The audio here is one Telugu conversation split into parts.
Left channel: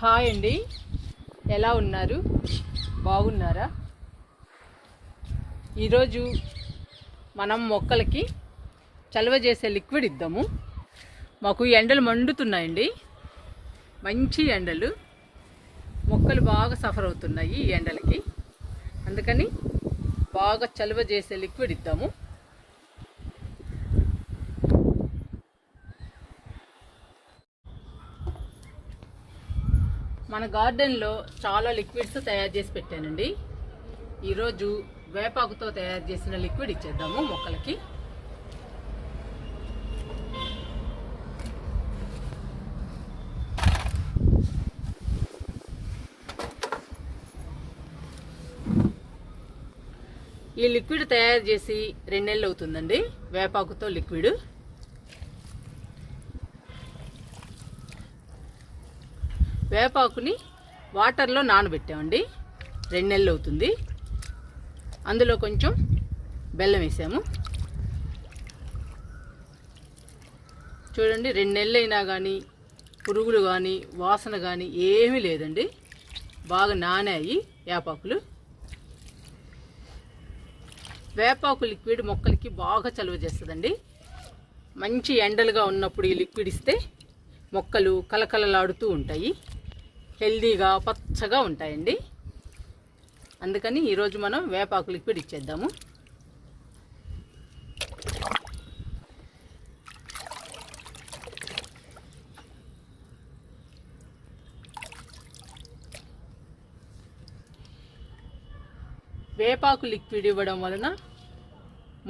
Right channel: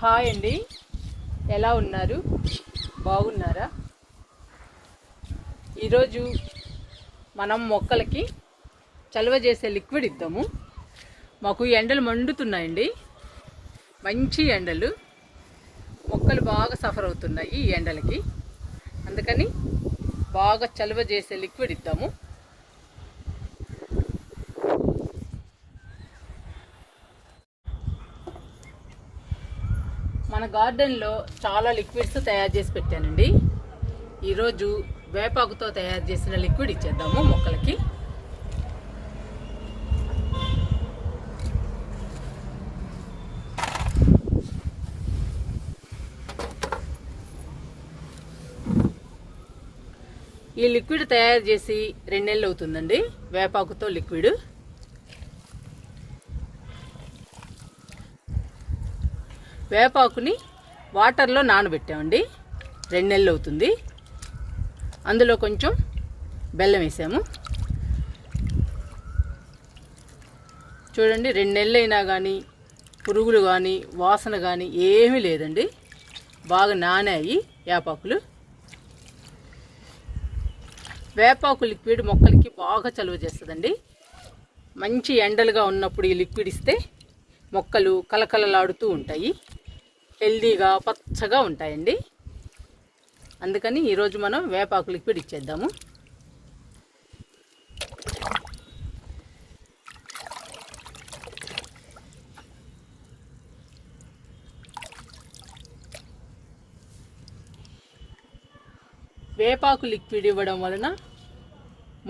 హాయ్ అండి, ఎలా ఉన్నారు? బాగున్నారా? ఈరోజు మనం మొక్కలకి చలువ చేసే లిక్విడ్ ఇద్దాము. మాకు ఎండలు మండుతున్నాయండి, మంచి ఎండలు. మొక్కలు బాగా సఫర్ అవుతున్నాయి ఈ ఎండలకి. అందుకని బాగా చలువ చేసే లిక్విడ్ ఇద్దాము. మన గార్డెన్లో చాలా లిక్విడ్స్ తయారు చేసి పెట్టానండి. ఈరోజు వేపాకుతో తయారు చేసిన లిక్విడ్ ఇచ్చేద్దాము మొక్కలకి. ఈ లిక్విడ్ తయారు చేసి 2 నెలలు అవుతుందండి. వేపాకుతో లిక్విడ్. వేపాకుని వాటర్లో నానబెట్టామండి, 2 నెలలు అవుతుంది. అందులో కొంచెం బెల్లం వేసాము. చూడండి, 2 నెలలు అయినా కానీ పురుగులు కానీ వాసన కానీ ఏమీ లేదండి. బాగా నానాయి వేపాకులు. వేపాకు లిక్విడ్ మొక్కలకి బాగా చలువ చేస్తుందండి. మంచి ఎండలుగా ఉన్నప్పుడు ఈ లిక్విడ్ ఇస్తే మొక్కలు కలకలలాడుతూ ఉంటాయి, హెల్దీగా పచ్చగా ఉంటాయండి. అందుకని ఈరోజు మనం వేపాకు లిక్విడ్ ఇచ్చేద్దాము. వేపాకు లిక్విడ్ ఇవ్వడం వలన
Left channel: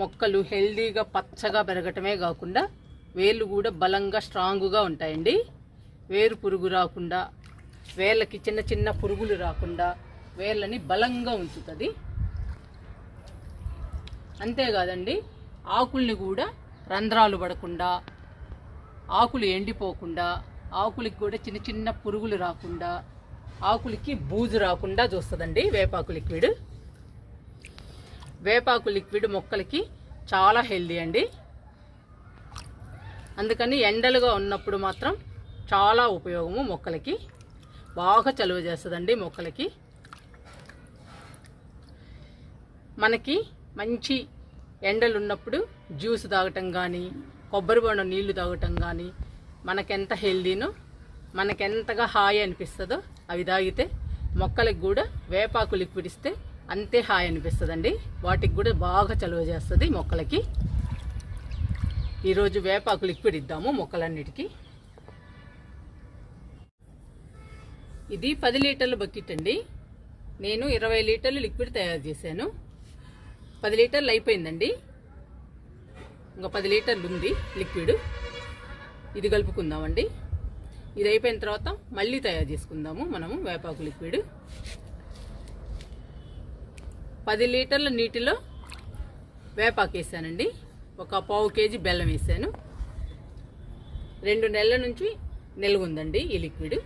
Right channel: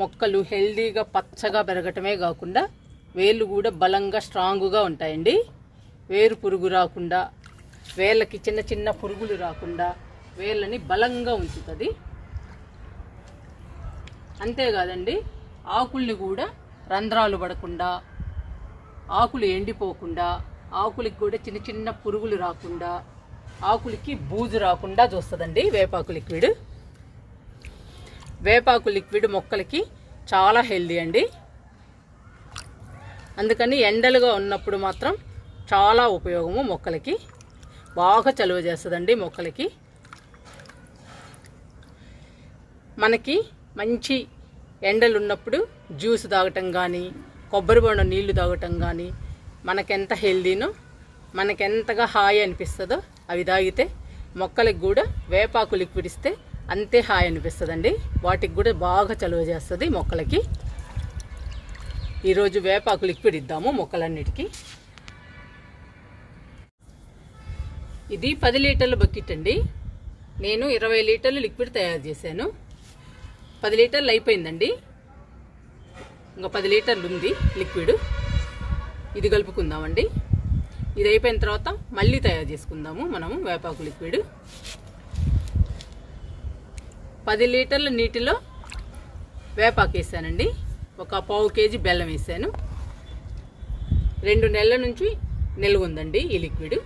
మొక్కలు హెల్దీగా పచ్చగా పెరగటమే కాకుండా వేళ్ళు కూడా బలంగా స్ట్రాంగ్గా ఉంటాయండి. వేరు పురుగు రాకుండా, వేళ్ళకి చిన్న చిన్న పురుగులు రాకుండా వేళ్ళని బలంగా ఉంచుతుంది. అంతేకాదండి, ఆకుల్ని కూడా రంధ్రాలు పడకుండా, ఆకులు ఎండిపోకుండా, ఆకులకి కూడా చిన్న చిన్న పురుగులు రాకుండా, ఆకులకి బూజు రాకుండా చూస్తుందండి వేపాకు లిక్విడ్. వేపాకు లిక్విడ్ మొక్కలకి చాలా హెల్దీ అండి. అందుకని ఎండలుగా ఉన్నప్పుడు మాత్రం చాలా ఉపయోగము. మొక్కలకి బాగా చలువ చేస్తుందండి. మొక్కలకి మనకి మంచి ఎండలు ఉన్నప్పుడు జ్యూస్ తాగటం కానీ, కొబ్బరి బొండం నీళ్లు తాగటం కానీ మనకెంత హెల్దీనో, మనకెంతగా హాయి అనిపిస్తుందో అవి తాగితే మొక్కలకి కూడా వేపాకు లిక్విడ్ ఇస్తే అంతే హాయి అనిపిస్తుందండి. వాటికి కూడా బాగా చలువ చేస్తుంది మొక్కలకి. ఈరోజు వేపాకు లిక్విడ్ ఇద్దాము మొక్కలన్నిటికీ. ఇది 10 లీటర్ల బకెట్ అండి. నేను 20 లీటర్లు లిక్విడ్ తయారు చేశాను. 10 లీటర్లు అయిపోయిందండి, ఇంకా 10 లీటర్లు ఉంది లిక్విడ్. ఇది కలుపుకుందామండి. ఇది అయిపోయిన తర్వాత మళ్ళీ తయారు చేసుకుందాము మనము వేపాకు లిక్విడ్. 10 లీటర్ల నీటిలో వేపాకు వేసానండి. ఒక 1/2 కేజీ బెల్లం వేసాను. 2 నెలల నుంచి నిల్వ ఉందండి ఈ లిక్విడ్.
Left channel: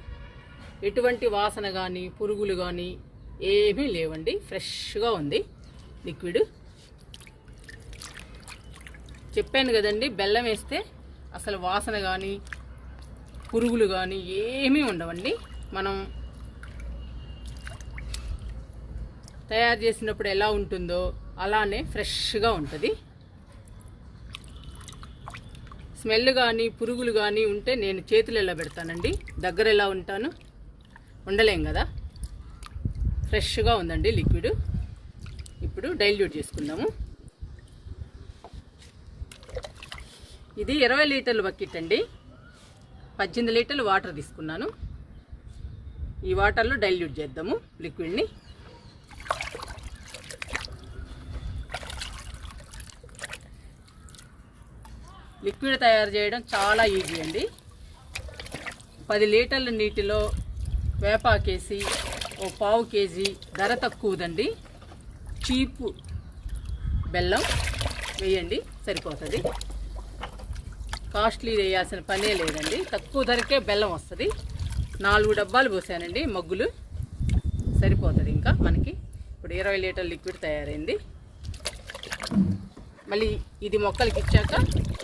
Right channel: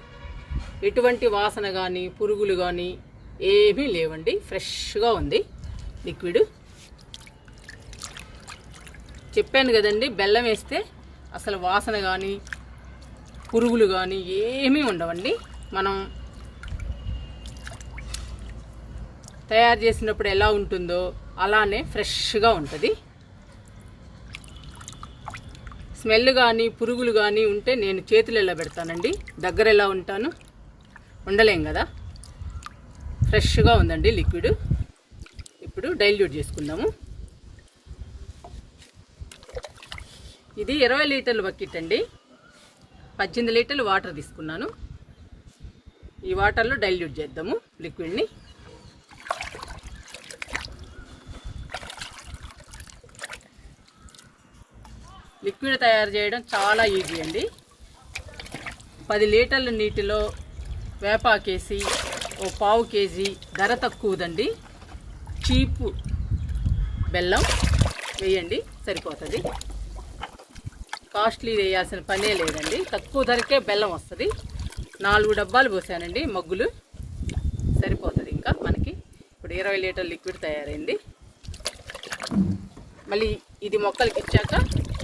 ఎటువంటి వాసన కానీ పురుగులు కానీ ఏమీ లేవండి. ఫ్రెష్గా ఉంది లిక్విడ్. చెప్పాను కదండి, బెల్లం వేస్తే అసలు వాసన కానీ పురుగులు కానీ ఏమీ ఉండవండి. మనం తయారు చేసినప్పుడు ఎలా ఉంటుందో అలానే ఫ్రెష్గా ఉంటుంది. స్మెల్ కానీ పురుగులు కానీ ఉంటే నేను చేతులు ఎలా పెడతానండి, దగ్గర ఎలా ఉంటాను, ఉండలేం కదా. ఫ్రెష్గా ఉందండి లిక్విడ్. ఇప్పుడు డైల్యూట్ చేసుకుందాము. ఇది 20 లీటర్ల బకెట్ అండి. 18 లీటర్లు వాటర్ తీసుకున్నాను. ఈ వాటర్లో డైల్యూట్ చేద్దాము లిక్విడ్ని. లిక్విడ్ తయారు చేయడం చాలా ఈజీ అండి. 10 లీటర్ల నీటిలో వేపాకేసి 1/4 కేజీ ధర తక్కువదండి, చీపు బెల్లం వేయండి, సరిపోతుంది. కాస్ట్లీ వేయాల్సిన పనే లేదండి, తక్కువ ధరకే బెల్లం వస్తుంది. 4 డబ్బాలు పోసానండి మగ్గులు, సరిపోతుంది ఇంకా మనకి. ఇప్పుడు 20 లీటర్ల లిక్విడ్ తయారైంది. మళ్ళీ ఇది మొక్కలకి ఇచ్చాక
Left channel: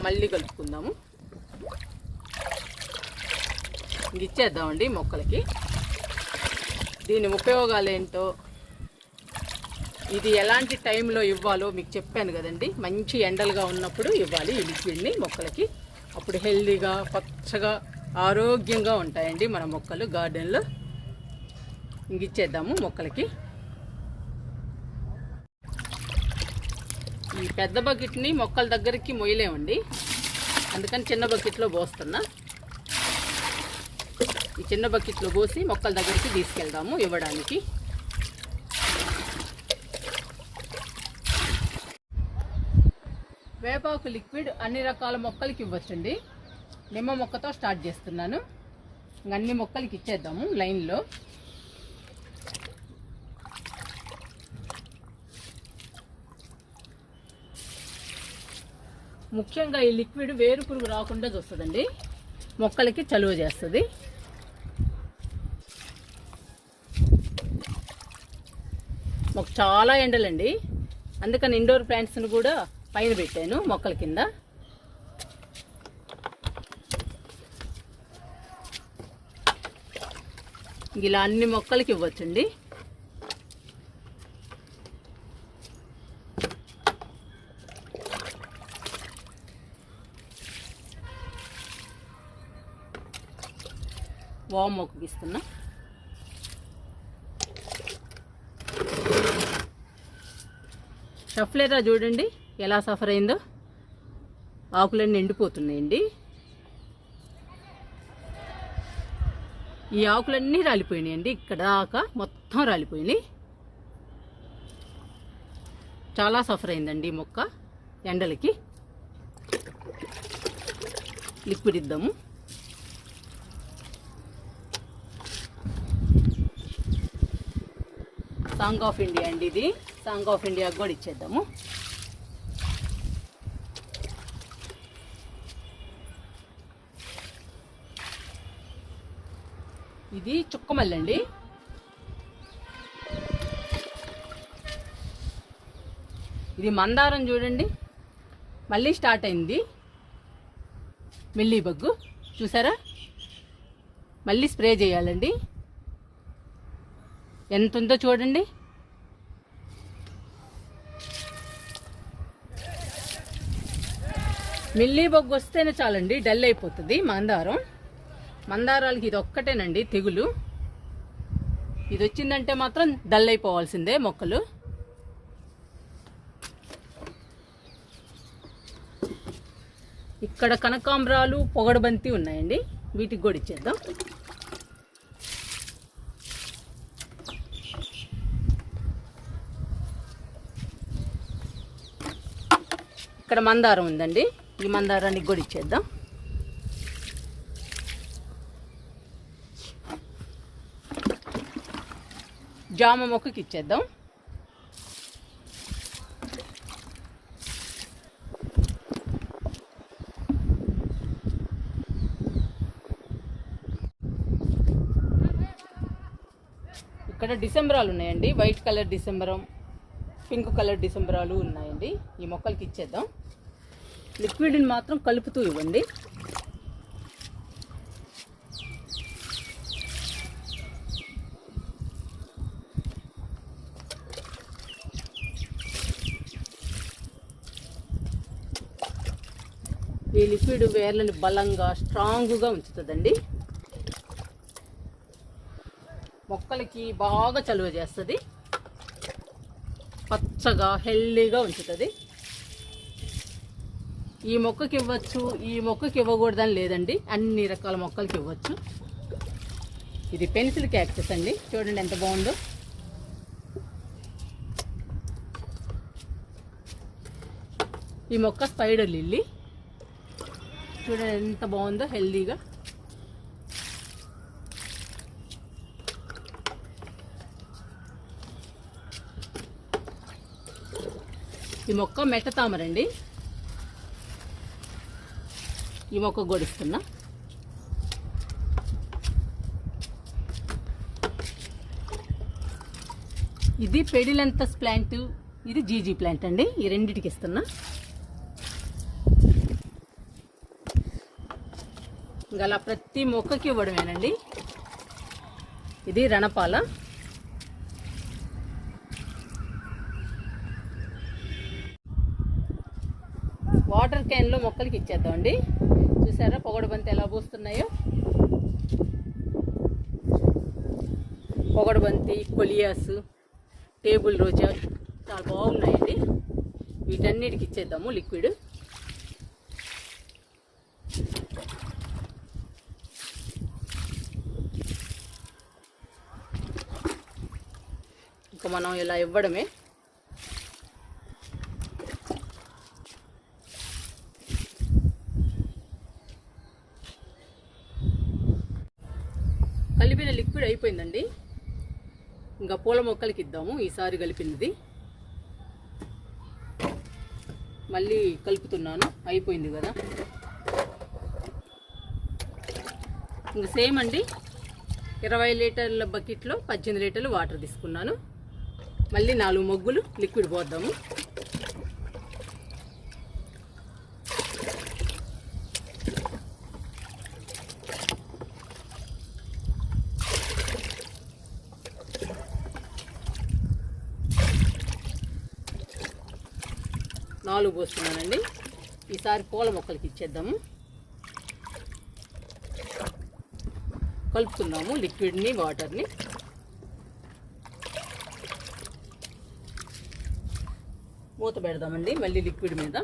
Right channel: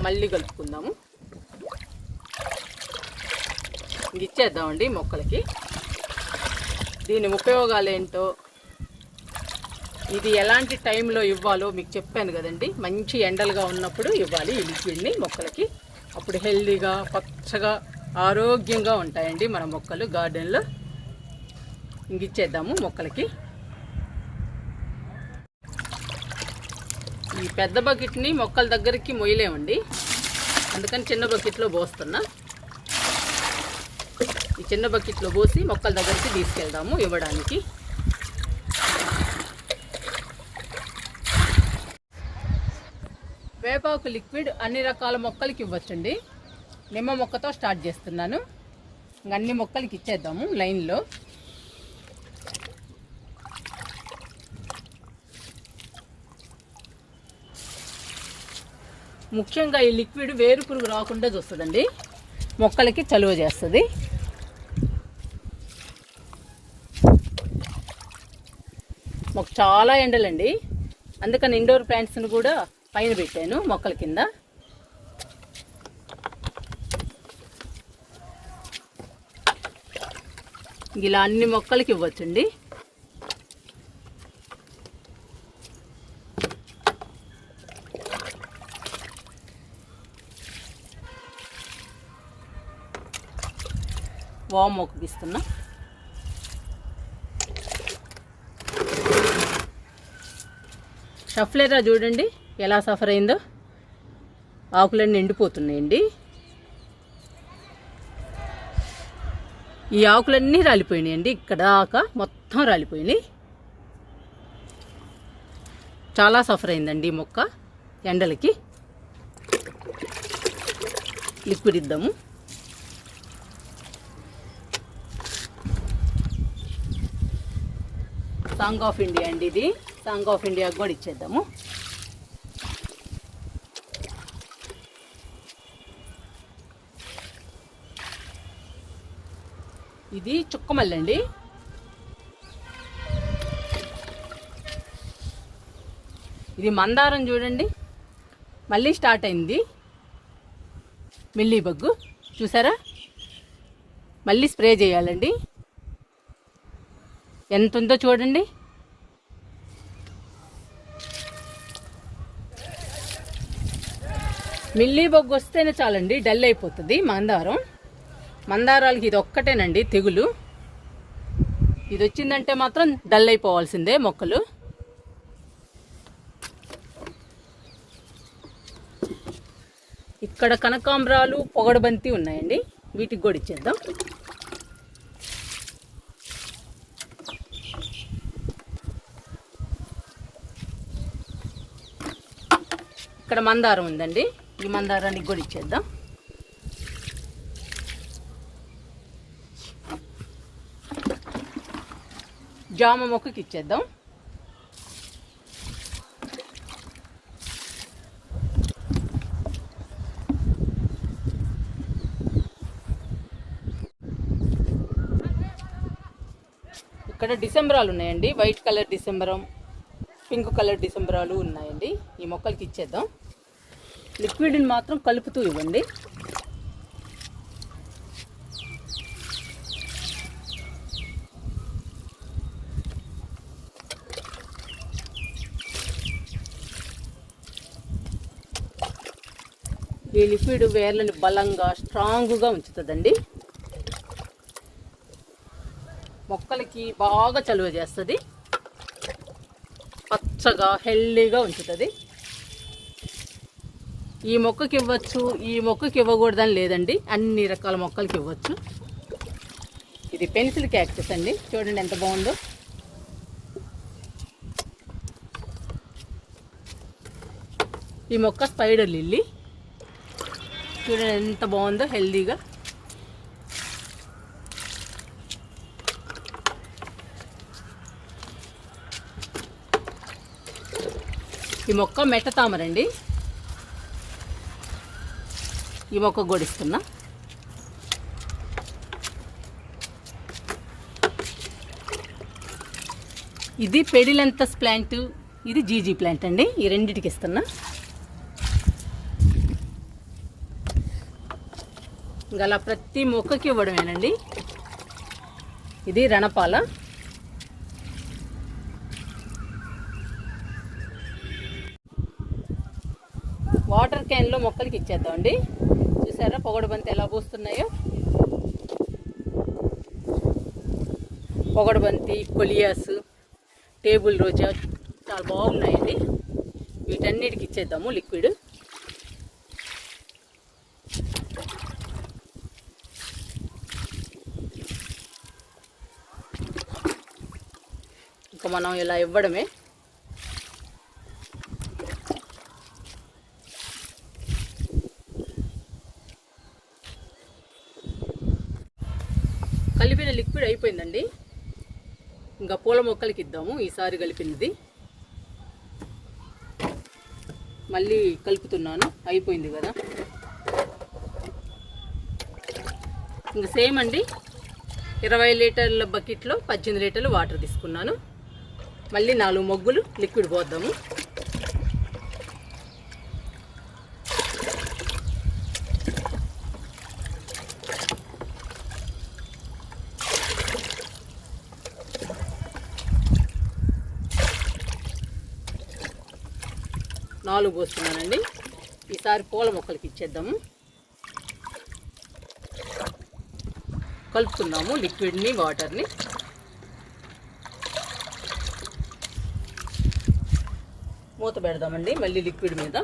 మళ్ళీ కలుపుకుందాము. ఇది ఇచ్చేద్దామండి మొక్కలకి. దీని ఉపయోగాలు ఏంటో, ఇది ఎలాంటి టైంలో ఇవ్వాలో మీకు చెప్పాను కదండి. మంచి ఎండలుగా ఉన్నప్పుడు ఇవ్వాలి ఈ లిక్విడ్ని మొక్కలకి. అప్పుడు హెల్దీగా పచ్చగా ఆరోగ్యంగా ఉంటాయండి మన మొక్కలు గార్డెన్లో. ఇంక ఇచ్చేద్దాము మొక్కలకి. ఈ పెద్ద బకెట్ని మొక్కల దగ్గరికి మొయ్యలేమండి, అందుకని చిన్న బకెట్లో పోస్తున్నా. ఈ చిన్న బకెట్లో పోసి మొక్కల దగ్గరికి తీసుకెళ్దాము ఇవ్వడానికి. వేపాకు లిక్విడ్ అన్ని రకాల మొక్కలకి ఇవ్వచ్చండి. నిమ్మ మొక్కతో స్టార్ట్ చేస్తున్నాను. అన్ని మొక్కలకి ఇచ్చేద్దాము లైన్లో. ముఖ్యంగా ఈ లిక్విడ్ వేరు పురుగు రాకుండా చూస్తుందండి, మొక్కలకి చలువ చేస్తుంది. మాకు చాలా ఎండలండి, అందుకని ఇండోర్ ప్లాంట్స్ని కూడా పైన పెట్టాను మొక్కల కింద. ఇలా అన్ని మొక్కలకి ఇవ్వచ్చండి. వామ్ మొక్కకి ఇస్తున్నా. షఫ్లేరా చూడండి ఎలా సఫర్ అయిందో, ఆకులన్నీ ఎండిపోతున్నాయండి. ఈ ఆకులన్నీ రాలిపోయినాయండి, ఇక్కడ దాకా మొత్తం రాలిపోయినాయి. చాలా సఫర్ అయిందండి ఈ మొక్క ఎండలకి. లిక్విడ్ ఇద్దాము. సాంగ్ ఆఫ్ ఇండియా అండి ఇది. సాంగ్ ఆఫ్ ఇండియా కూడా ఇచ్చేద్దాము. ఇది చుక్కమల్లి అండి. ఇది మందారం చూడండి, మళ్ళీ స్టార్ట్ అయింది మిల్లీ బగ్గు. చూసారా, మళ్ళీ స్ప్రే చేయాలండి. ఎంత ఉందో చూడండి. మిల్లీ బొగ్గు వస్తేనే చాలండి, డల్ అయిపోతుంది మందారం. మందారాలకి ఇది ఒక్కటేనండి తెగులు. ఇది వచ్చిందంటే మాత్రం డల్ అయిపోవాల్సిందే మొక్కలు. ఇక్కడ కనకాంబరాలు, పొగడబంతి ఉన్నాయండి, వీటికి కూడా ఇచ్చేద్దాం. ఇక్కడ మందారం ఉందండి, ఈ మందారానికి కూడా ఇచ్చేద్దాం. జామ మొక్కకి ఇచ్చేద్దాం. ఇక్కడ డిసెంబరాలు ఉన్నాయండి, వైట్ కలర్ డిసెంబరం, పింక్ కలర్ డిసెంబరాలు ఉన్నాయండి. ఈ మొక్కలకి ఇచ్చేద్దాం. లిక్విడ్ని మాత్రం కలుపుతూ ఇవ్వండి. ఈ లిక్విడ్ వేర్లని బలంగా స్ట్రాంగ్గా ఉంచుతుందండి. మొక్కలకి బాగా చలువ చేస్తుంది, పచ్చగా హెల్దీగా ఉంచుతుంది. ఈ మొక్కకి ఇవ్వచ్చు, ఈ మొక్కకి ఇవ్వకూడదని లేదండి, అన్ని రకాల మొక్కలకి ఇవ్వచ్చు. ఇది పెన్సిల్ క్యాక్టస్ అండి, చూడండి ఎంత బాగుందో. ఈ మొక్క స్పైడర్ లిల్లీ, చూడండి ఎంత బాగుందో హెల్దీగా. ఈ మొక్క మెట్ట తామరండి, ఈ మొక్క గొడిస్తున్నా. ఇది పెడిలెంతస్ ప్లాంట్, ఇది జీజీ ప్లాంట్ అండి, ఈ రెండింటికి ఇస్తున్నా. ఇంకా అలా ప్రతి మొక్కకి ఇవ్వడమేనండి. ఇది రణపాల, వాటర్ క్యాన్లో మొక్కలకి ఇచ్చేద్దామండి. చూసారా పొగడు బంతి ఎలా పూస్తున్నాయో. పొగడు బంతి, కొలియాస్, టేబుల్ రోజా చాలా బాగున్నాయండి. వీటన్నిటికి ఇచ్చేద్దాము లిక్విడ్. ఇంకా మనం ఇలా ఇవ్వడమే. కలిపిన లిక్విడ్ అయిపోయిందండి. ఇంకా పూల మొక్కలకి ఇద్దాము ఈసారి కలిపినది. మళ్ళీ కలుపుతున్నాను, అయిపోయింది కదా. ఇంకా సేమ్ అండి, 20 లీటర్ల బకెట్లో 18 లీటర్లు వాటర్ తీసుకున్నాను. మళ్ళీ 4 మొగ్గులు లిక్విడ్ పోద్దాము. నాలుగు పోస్తున్నానండి. ఈసారి పూల మొక్కలకి ఇచ్చేద్దాము. కలుపుతున్నాము లిక్విడ్ని, వాటర్ని. మూత పెడదామండి మళ్ళీ లిక్విడ్ మీద.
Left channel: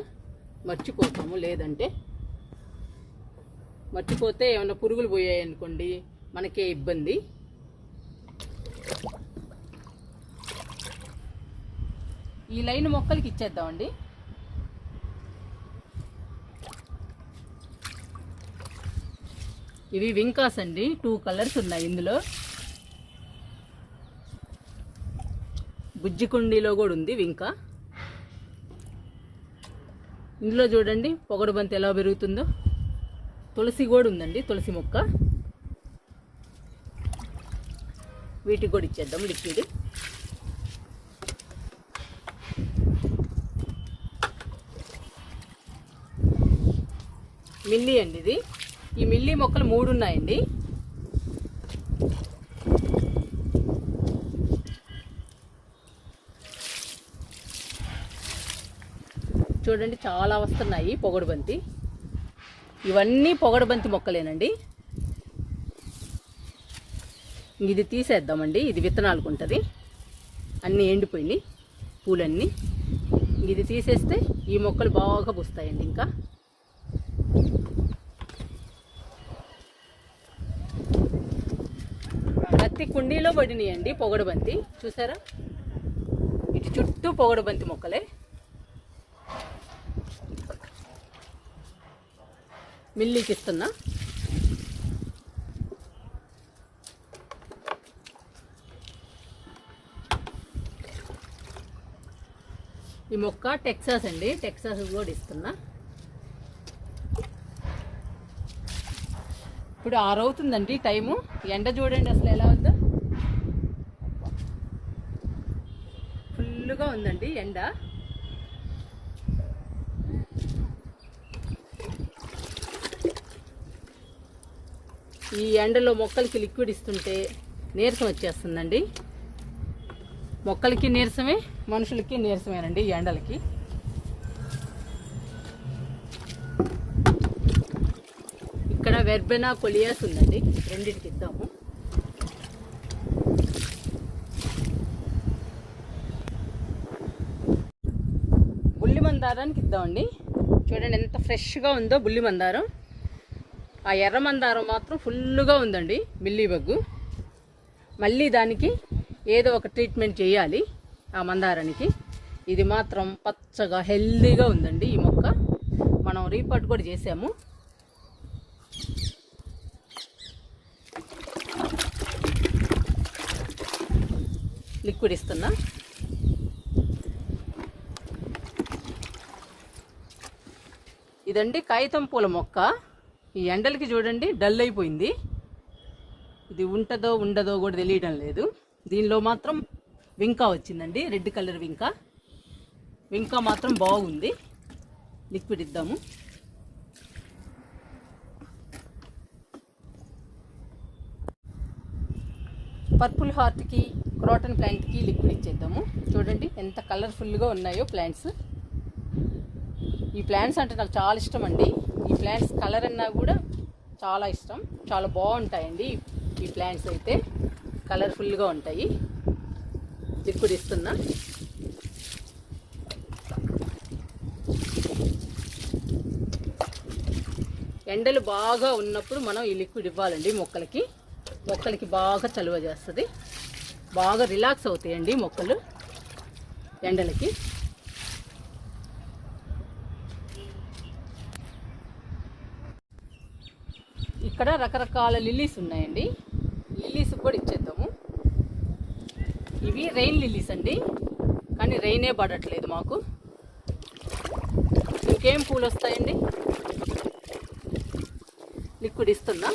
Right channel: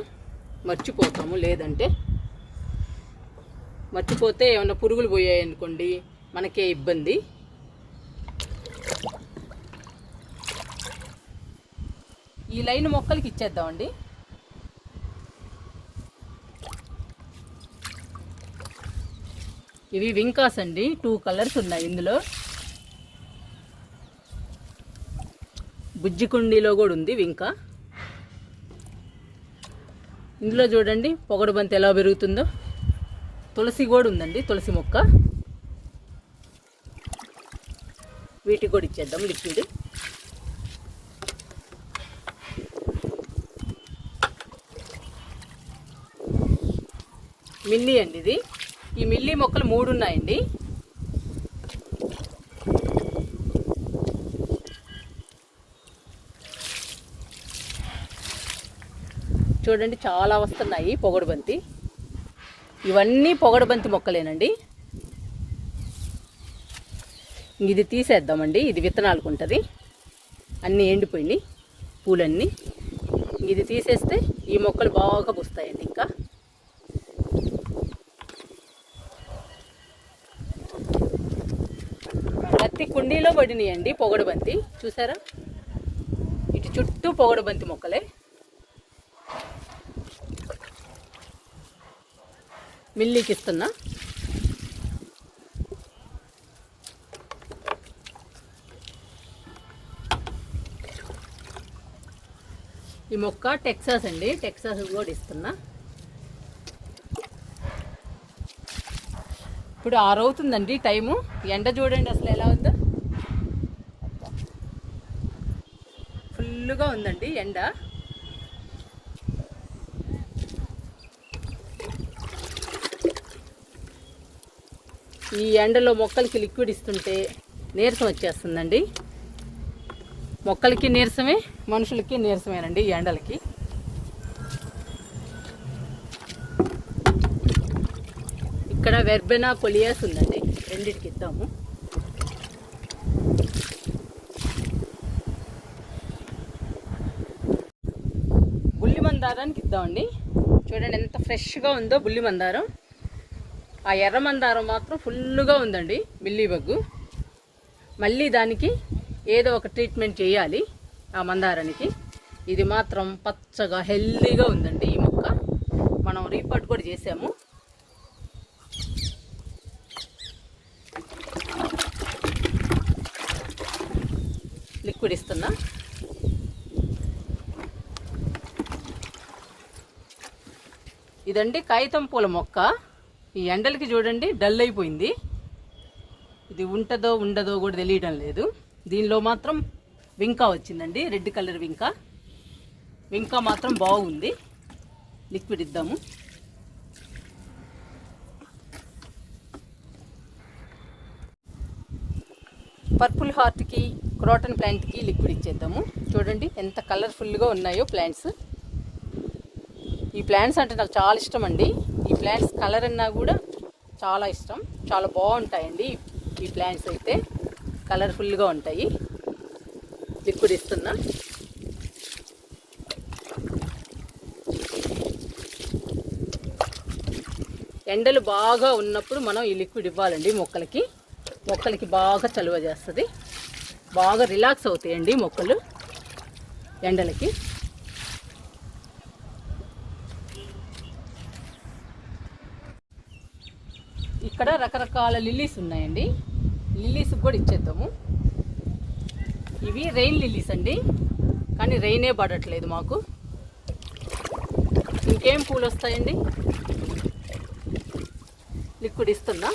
మర్చిపోతాము, లేదంటే మర్చిపోతే ఏమైనా పురుగులు పోయాయి అనుకోండి మనకే ఇబ్బంది. ఈ లైన్ మొక్కలకి ఇచ్చేద్దామండి. ఇవి వింకాస్ అండి, 2 కలర్స్ ఉన్నాయి ఇందులో. బుజ్జి కుండీలో కూడా ఉంది వింకా. ఇందులో చూడండి పొగడు బంతి ఎలా పెరుగుతుందో. తులసి కూడా ఉందండి, తులసి మొక్క. వీటికి కూడా ఇచ్చేద్దాం లిక్విడ్. మిల్లీ అండి ఇది. ఈ మిల్లీ మొక్కలు 3 ఉన్నాయండి. చూడండి చాలా వస్తున్నాయి పొగడు బంతి. ఇవన్నీ పొగడు బంతి మొక్కలేనండి. ఇది తీసేద్దామండి, ఇది విత్తనాలకు ఉంటుంది. అన్నీ ఎండిపోయినాయి పూలన్నీ. ఇది తీసేస్తే ఈ మొక్కలు బాగా పూస్తాయండి. ఇంకా ప్రతి కుండీలో పడినాయండి పొగడు బంతి. చూసారా, ఇటు చుట్టూ పొగడు బంతి మొక్కలే. మిల్లీకి ఇస్తున్నా. ఈ మొక్క టెక్సాస్ అండి, టెక్సాస్ కూడా ఇస్తున్నా. ఇప్పుడు 6 అవుతుందండి టైము. ఎండ చూడండి అసలు ఎలా ఉందో. ఫుల్గా ఉందండి ఎండ. ఈ ఎండలో మొక్కలకి లిక్విడ్ ఇస్తుంటే నీరసం వచ్చేస్తుందండి. మొక్కలకి నీరసమే, మనుషులకి నీరసమేనండి ఈ ఎండలకి. ఇక్కడ వెర్బెనా, కొలియాస్ ఉందండి, రెండింటికి ఇద్దాము. బుల్లి మందారానికి ఇద్దామండి. చూడండి ఎంత ఫ్రెష్గా ఉందో బుల్లి మందారం. ఆ ఎర్ర మందారం మాత్రం ఫుల్గా ఉందండి మిల్లీ బగ్గు. మళ్ళీ దానికి ఏదో ఒక ట్రీట్మెంట్ చేయాలి ఆ మందారానికి. ఇది మాత్రం పచ్చగా హెల్దీగా ఉందండి ఈ మొక్క. మనం రీపాట్ కూడా చేసాము. లిక్విడ్ ఇస్తున్నా. ఇదండి కాగితం పూల మొక్క. ఈ ఎండలకి చూడండి డల్ అయిపోయింది. ఇది ఉంటుందో ఉండదో కూడా తెలియడం లేదు. దీనిలో మాత్రం వింకా వచ్చిందండి, రెడ్ కలర్ వింకా. వింకా మాత్రం బాగుంది. లిక్విడ్ ఇద్దాము. పర్పుల్ హార్ట్కి, క్రోటన్ ప్లాంట్కి లిక్విడ్ ఇచ్చేద్దాము. చూడండి ఎంత కలర్ఫుల్గా ఉన్నాయో ప్లాంట్స్. ఈ ప్లాంట్స్ అంటే నాకు చాలా ఇష్టం అండి. ఈ ప్లాంట్స్ కలర్ అన్నా కూడా చాలా ఇష్టం. చాలా బాగుంటాయండి ఈ ప్లాంట్స్ అయితే, కలర్ఫుల్గా ఉంటాయి. లిక్విడ్ ఇస్తున్నా. ఎండలు బాగా ఉన్నప్పుడు మనం ఈ లిక్విడ్ ఇవ్వాలండి మొక్కలకి. మొక్కలకి బాగా చలువ చేస్తుంది, బాగా రిలాక్స్ అవుతాయండి మొక్కలు ఎండలకి. ఇక్కడ రకరకాల లిల్లీస్ ఉన్నాయండి, లిల్లీస్ కూడా ఇచ్చేద్దాము. ఇవి రెయిన్ లిల్లీస్ అండి, కానీ రెయినే పడట్లేదు మాకు. ఇంకేం పూలు వస్తాయండి. లిక్విడ్ ఇస్తున్నా.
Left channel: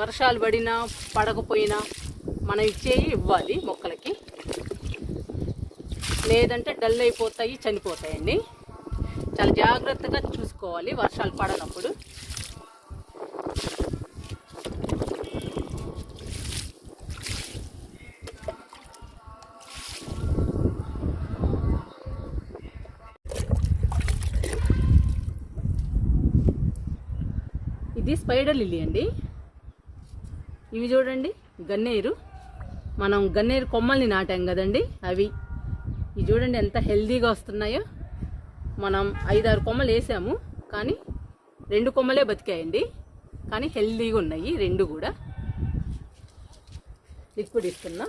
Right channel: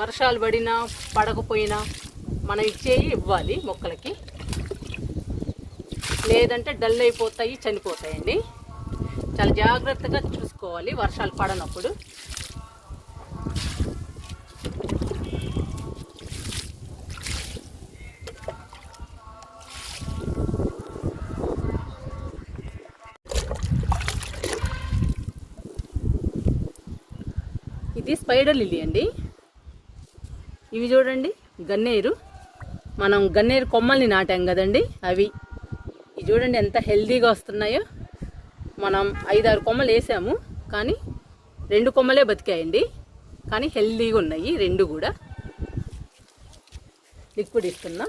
వర్షాలు పడినా పడకపోయినా మనం ఇచ్చేవి ఇవ్వాలి మొక్కలకి, లేదంటే డల్ అయిపోతాయి, చనిపోతాయండి. చాలా జాగ్రత్తగా చూసుకోవాలి వర్షాలు పడనప్పుడు. ఇది స్పైడర్ లిల్లీ అండి. ఇవి చూడండి గన్నేరు, మనం గన్నేరు కొమ్మల్ని నాటాం కదండి అవి. ఇవి చూడండి ఎంత హెల్దీగా వస్తున్నాయో. మనం 5-6 కొమ్మలు వేసాము, కానీ 2 కొమ్మలే బతికాయండి, కానీ హెల్దీగా ఉన్నాయి 2 కూడా. లిక్విడ్ ఇస్తున్నా.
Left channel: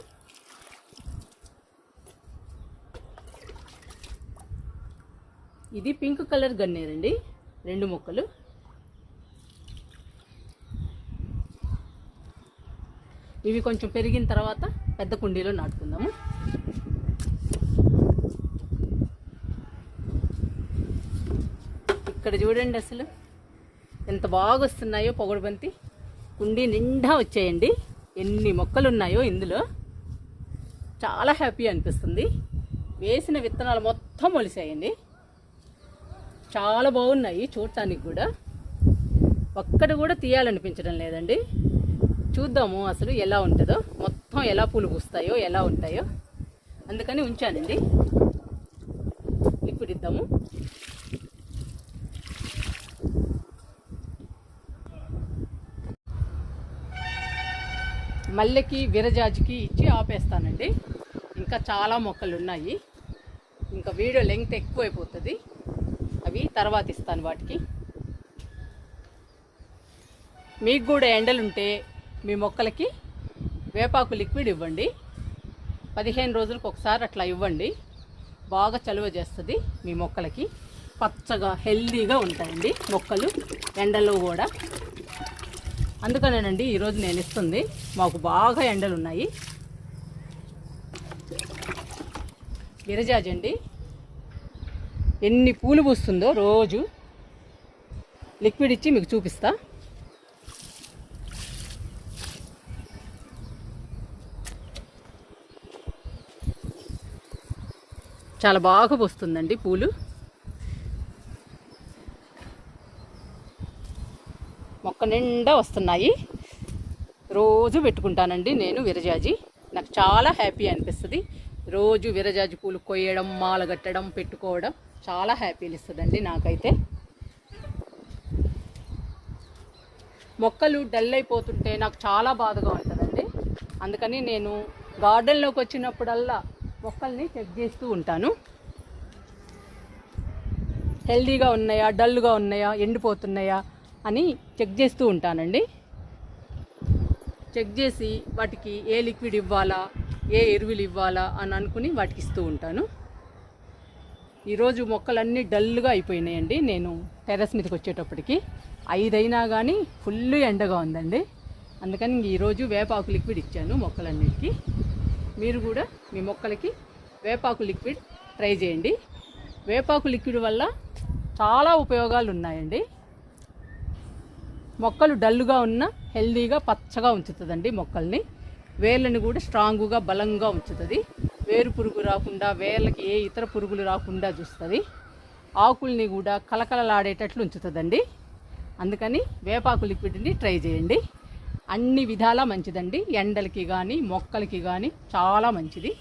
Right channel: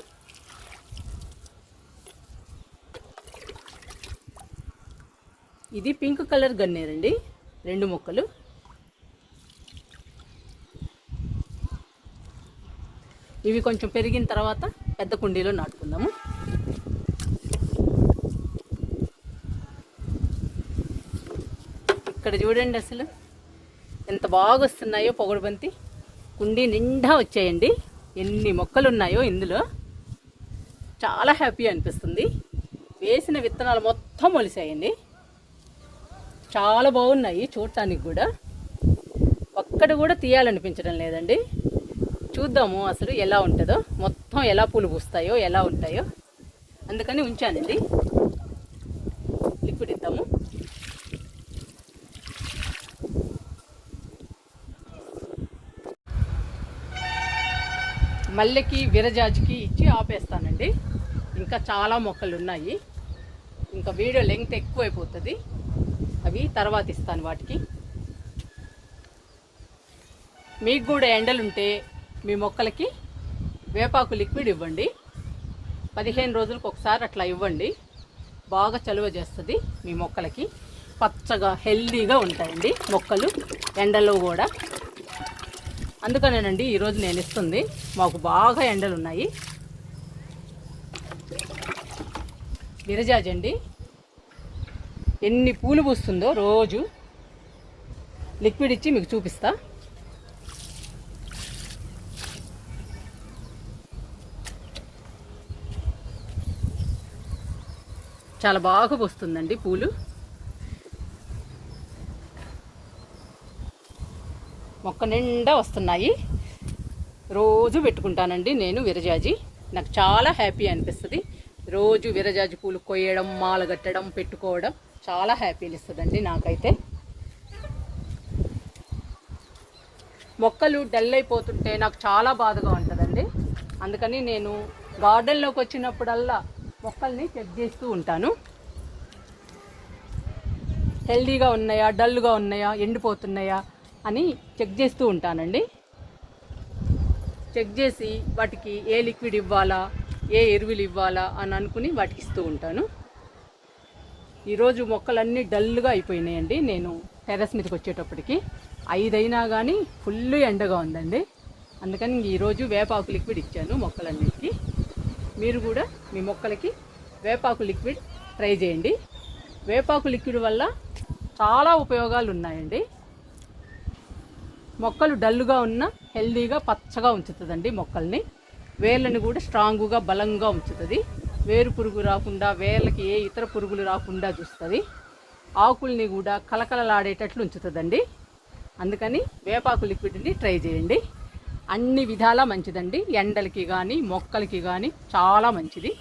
ఇది పింక్ కలర్ గన్నేరండి, 2 మొక్కలు. ఇవి కొంచెం పెరిగిన తర్వాత పెద్ద కుండీలో నాటుకుందాము. ఇక్కడ చూడండి అసలు ఎంత బాగా వస్తున్నాయో పొగడుబంతి. కుండీ నిండా వచ్చాయండి. ఎన్ని మొక్కలు ఉన్నాయో ఇందులో. చాలా హ్యాపీ అనిపిస్తుంది. వేసిన విత్తనాలు మొత్తం మొలిసాయండి. చాలా బాగున్నాయి చూడటానికి కూడా. ఒక్కటి కూడా తీయాలనిపించడం లేదండి. చూద్దాము అసలు ఎలా ఉంటుందో, మొత్తం ఎలా పూలు పూస్తాయో, ఎలా ఉంటాయో. అందుకని ఉంచానండి. లిక్విడ్ ఇద్దాము. మల్లెకి విరజాజికి ఇచ్చి ఆపేస్తానండి. ఇంకా చాలా మొక్కలు ఉన్నాయి. ఇంకా వీడియో లెంగ్త్ ఎక్కువైపోతుంది. అవి తర్వాత ఇస్తాను వాటికి. మీకు కూడా ఎండలుంటే మీ మొక్కలకి వేపాకు లిక్విడ్ ఇవ్వండి. 15 రోజులకు ఒకసారి అట్లా ఇవ్వండి. బాగా చలువ చేస్తుంది మీ మొక్కలకి. పచ్చగా హెల్దీగా ఉంటాయండి మొక్కలు ఎండలో కూడా. అందుకనేనండి ఈరోజు నేను ఇస్తుంది. మాకు బాగా ఎండలు ఉన్నాయి. విరజాజి అండి, ఎన్ని పూలు పూస్తుందో రోజు. లిక్విడ్ ఇచ్చి మీకు చూపిస్తా. చాలా బాగా పూస్తుందండి పూలు. మొక్క నిండా వస్తున్నాయి. రోజు పెట్టుకుంటానండి నేను విరజాజి. నాకు చాలా హ్యాపీ అనిపిస్తుంది. రోజు విరజాజి పూలు కొయ్యడం, మాల కట్టడం, పెట్టుకోవడం చాలా హ్యాపీని ఇస్తుందండి నాకైతే. మొక్కలు డల్ అయిపోతుంటే నాకు చాలా బాధగా ఉంటుందండి. అందుకని నేను గార్డెన్లోకి వచ్చినప్పుడల్లా మొక్కల్ని చెక్ చేస్తూ ఉంటాను. హెల్దీగా ఉన్నాయా, డల్గా ఉన్నాయా, ఎండిపోతున్నాయా అని చెక్ చేస్తూ ఉంటానండి. చెక్ చేసి వాటికి ఏ లిక్విడ్ ఇవ్వాలా, ఏ ఎరువులు ఇవ్వాలా అని అనుకుని వాటికి ఇస్తూ ఉంటాను. ఈరోజు మొక్కలన్నీ డల్గా అయిపోయినాయండి. నేను టెర్రస్ మీదకి వచ్చేటప్పటికి 5 అయినా కానీ ఫుల్ ఎండగా ఉందండి. అందుకని ఈరోజు వేపాకు లిక్విడ్ ఇచ్చాను మొక్కలన్నిటికీ. మీరు కూడా మీ మొక్కలకి వేపాకు లిక్విడ్ ట్రై చేయండి. వేపాకు లిక్విడ్ వల్ల చాలా ఉపయోగాలు ఉన్నాయండి. మొక్కలు డల్గా ఉన్న హెల్దీగా పచ్చగా ఉంచుతుందండి మొక్కల్ని. వేర్లను కూడా స్ట్రాంగుగా బలంగా ఉంచుతుంది. వేరు పురుగు రాకుండా, వేర్లకి ఏ ఇతర పురుగులు రాకుండా చూస్తుంది. ఆకుల్ని కూడా కలకలలాడేటట్లు ఉంచుతుందండి. అందుకని వేపాకు లిక్విడ్ని ట్రై చేయండి. అన్ని విధాలా మంచిదండి. ఎండలకి కానీ మొక్కలకి కానీ చాలా మంచిది.